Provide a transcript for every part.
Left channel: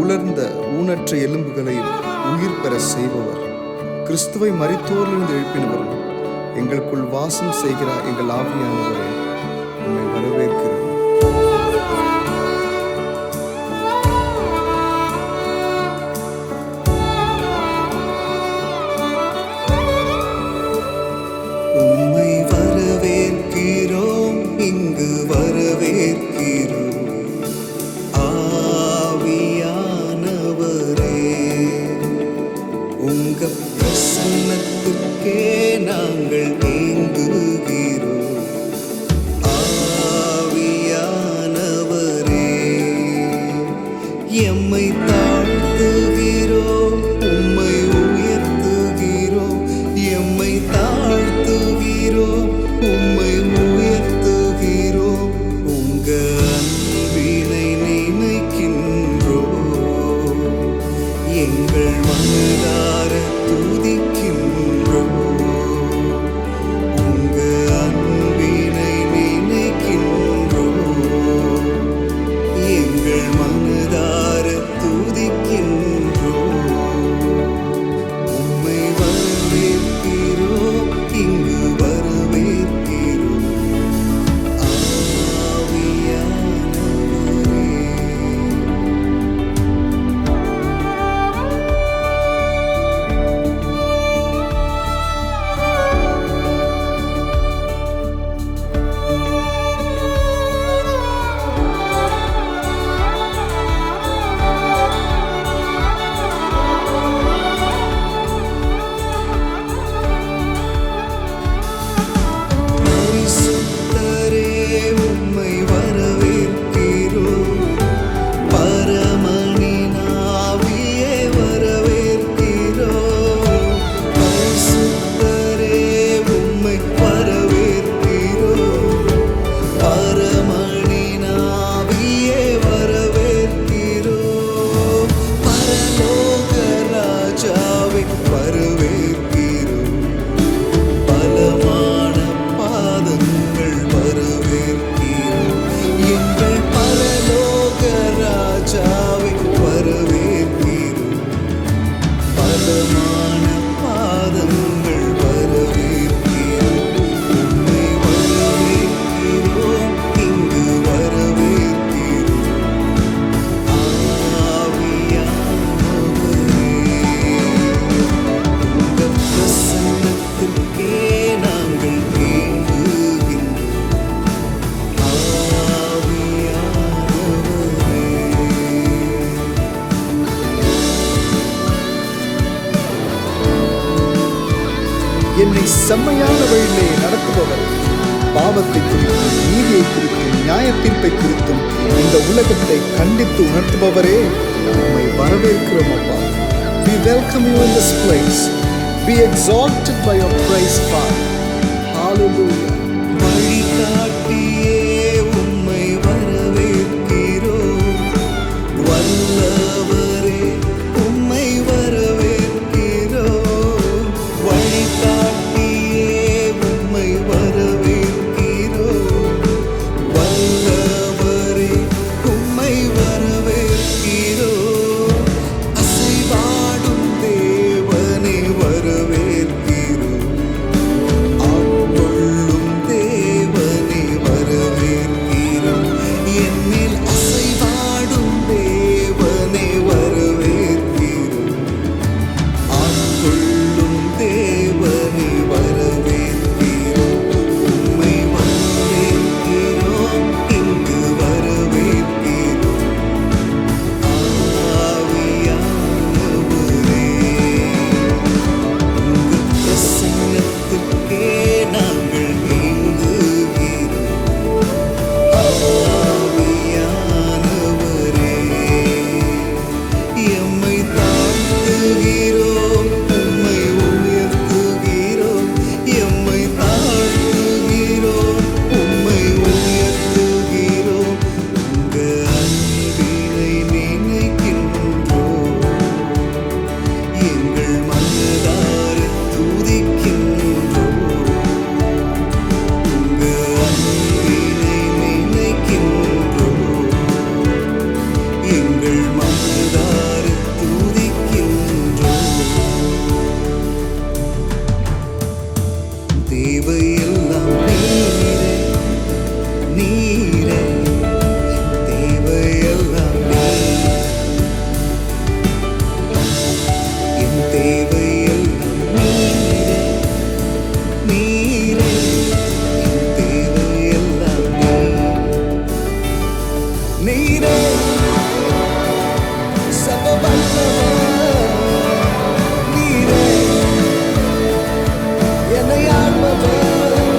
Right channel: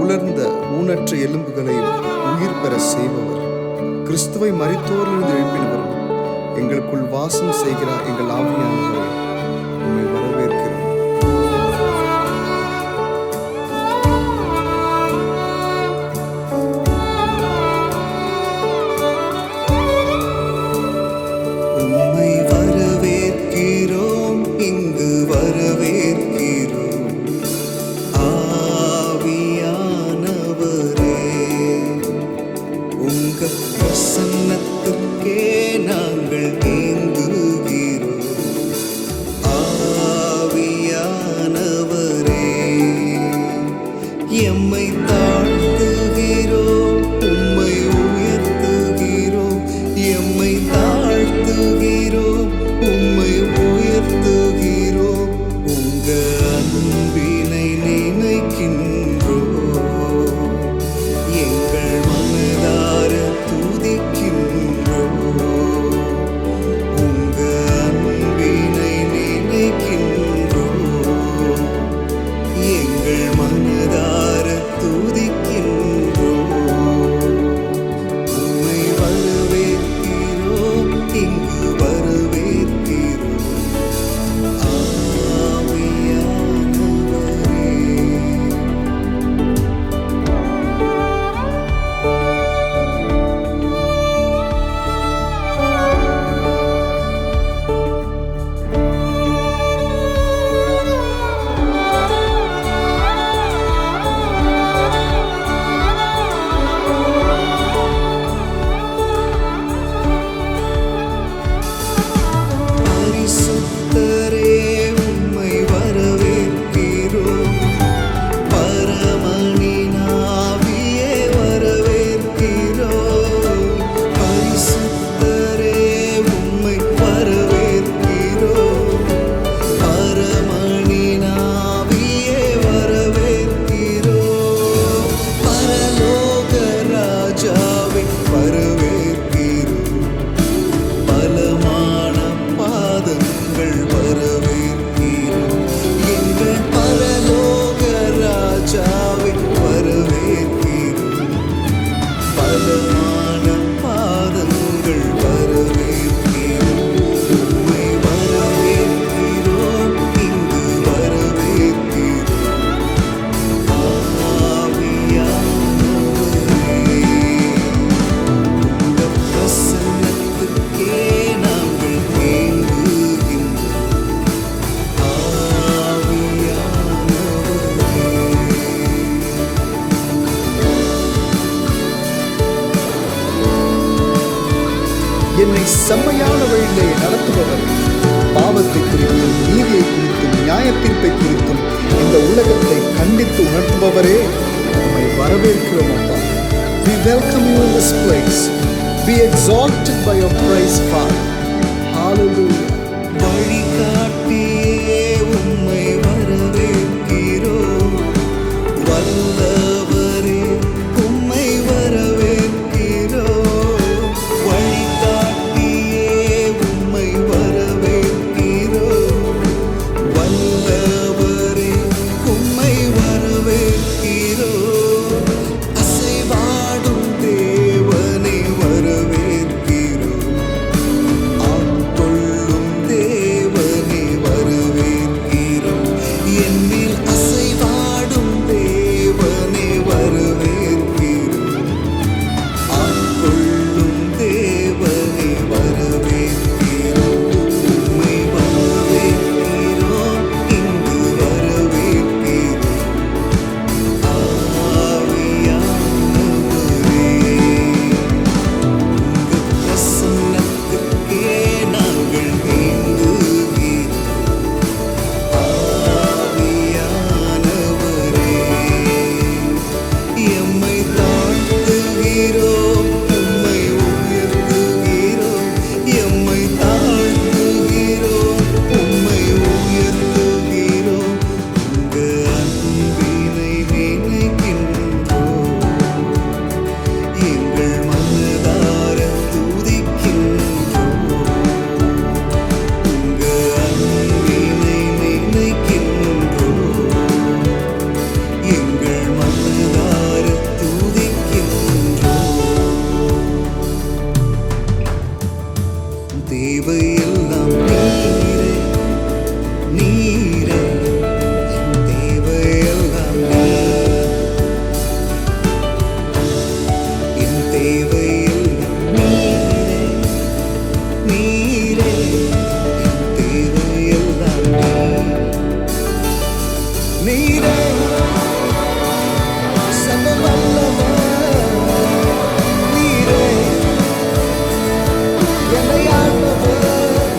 உலர்ந்த ஊனற்ற எலும்புகளையும் உயிர் பெற செய்பவர், கிறிஸ்துவை மரித்தோரிலிருந்து எழுப்பினவரும் எங்களுக்குள் வாசம் செய்கிறார். எங்கள் ஆவியானவரே, உம்மை வரவேற்கிறோம். உம்மை வரவேற்கிறோம், இங்கு வரவேற்கிறோம். ஆவியானவரே, உங்க பிரசன்னத்துக்கே நாங்கள் ஏங்குகிறோம். ஆவியானவரே, எம்மை தாழ்த்துகிறோம், உம்மை உயர்த்துகிறோம். எம்மை தாழ்த்துகிறோம், உம்மை உயர்த்துகிறோம். உங்க அன்பினை நினைக்கின்றோம், எங்கள் மனதார துதிக்கின்றோம். உங்க அன்பினை நினைக்கின்றோம், எங்கள் மனதார துதிக்கின்றோம். உம்மை வரவேற்கிறோம், இங்கு வரவேற்கிறோம். ஆவியானவரே, பரிசுத்தரே, உம்மை வரவேற்கிறோம். பரமனின் ஆவியே வரவேற்கிறோம். பரிசுத்தரே, உம்மை வரவேற்கிறோம். பரமனின் ஆவியே வரவேற்கிறோம். பரலோக ராஜாவை வரவேற்கிறோம். பலமான பாதங்கள் வரவேற்கிறோம். எங்கள் பரலோக ராஜாவை வரவேற்கிறோம். பலமான பாதங்கள் வரவேற்கிறோம். உம்மை வரவேற்கிறோம், இங்கு வரவேற்கிறோம். ஆவியானவரே, உங்க பிரசன்னத்திற்கே நாங்கள் ஏங்குகின்றோம். ஆவியானவரே, என்னை செம்மையான வழியிலே நடத்துபவரே, பாவத்தை குறித்தும் நீதியை குறித்தும் நியாய தீர்ப்பை குறித்தும் இந்த உலகத்தை கண்டித்து உணர்த்துபவரே, உம்மை வரவேற்கிறோம் அப்பா. We welcome you in this place. Be exalted by your praise, Father. Hallelujah. வழிகாட்டியே, உம்மை வரவேற்கிறோம். வல்லவரே, உம்மை வரவேற்கிறோம். வழிகாட்டியே, உம்மை வரவேற்கிறோம். வல்லவரே, உம்மை வரவேற்கிறோம். அசைவாடும் தேவனே வரவேற்கிறோம். ஆட்கொள்ளும் தேவனே வரவேற்கிறோம். என்மேல் அசைவாடும் தேவனே வரவேற்கிறோம். ஆட்கொள்ளும் தேவனே வரவேற்கிறோம். உம்மை வரவேற்கிறோம், இங்கு வரவேற்கிறோம். ஆவியானவரே, உங்க பிரசன்னத்திற்கே நாங்கள் ஏங்குகிறோம். ஆவியானவரே, எம்மை தாழ்த்துகிறோம், உம்மை உயர்த்துகிறோம். எம்மை தாழ்த்துகிறோம், உம்மை உயர்த்துகிறோம். உங்க அன்பினை நினைக்கின்றோம், எங்கள் மனதார துதிக்கின்றோம். உங்க தேவையெல்லாம் நீரே, நீரே, என் தேவையெல்லாம் நீர். என் தேவையெல்லாம் நீரே, நீரே, என் தேவையெல்லாம் நீர். நீரே சர்வ வல்லவர், நீரே என்னை ஆள்பவர்,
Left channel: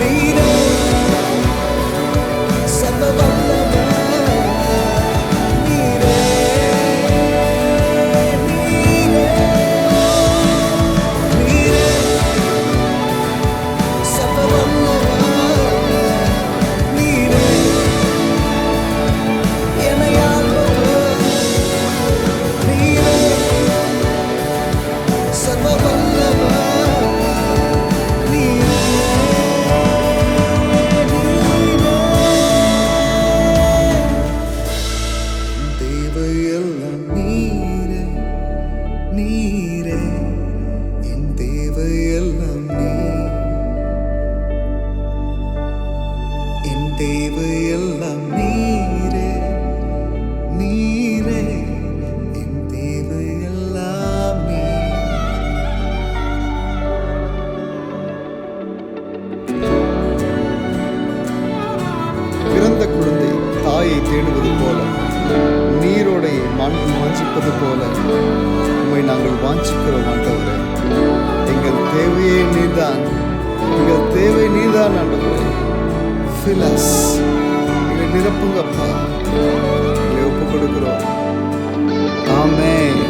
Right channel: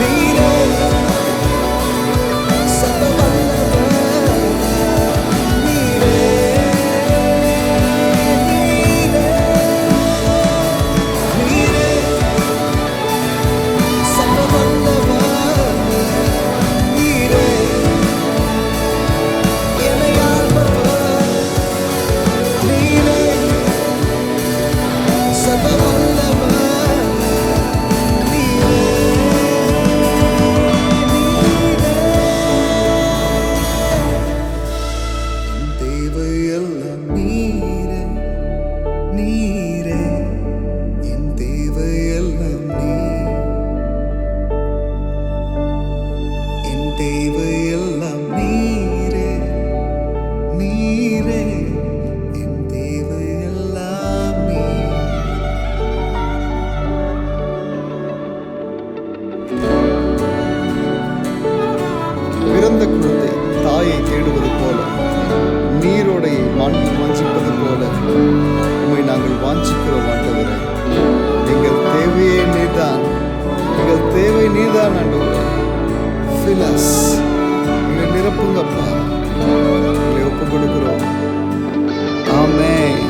நீரே சர்வ வல்லவர், நீரே, நீரே, நீரே சர்வ வல்லவர், நீரே என்னை ஆள்பவர், நீரே சர்வ வல்லவர். தேவையெல்லாம் நீரே, நீரே, என் தேவையெல்லாம் நீர். என் தேவையெல்லாம் நீரே, நீரே, என் தேவையெல்லாம் நீர். பிறந்த குழந்தை தாயை தேடுவது போல, நீரோடையை மான்கள் வாஞ்சிப்பது போல உம்மை நாங்கள் வாஞ்சிக்கிறோம் ஆண்டவரே. எங்கள் தேவையே நீர்தான், எங்கள் தேவை நீர்தான் ஆண்டவரே. Fill us, எங்களை நிரப்புங்கப்பா, எங்களை ஒப்புக் கொடுக்கிறோம். ஆமென்.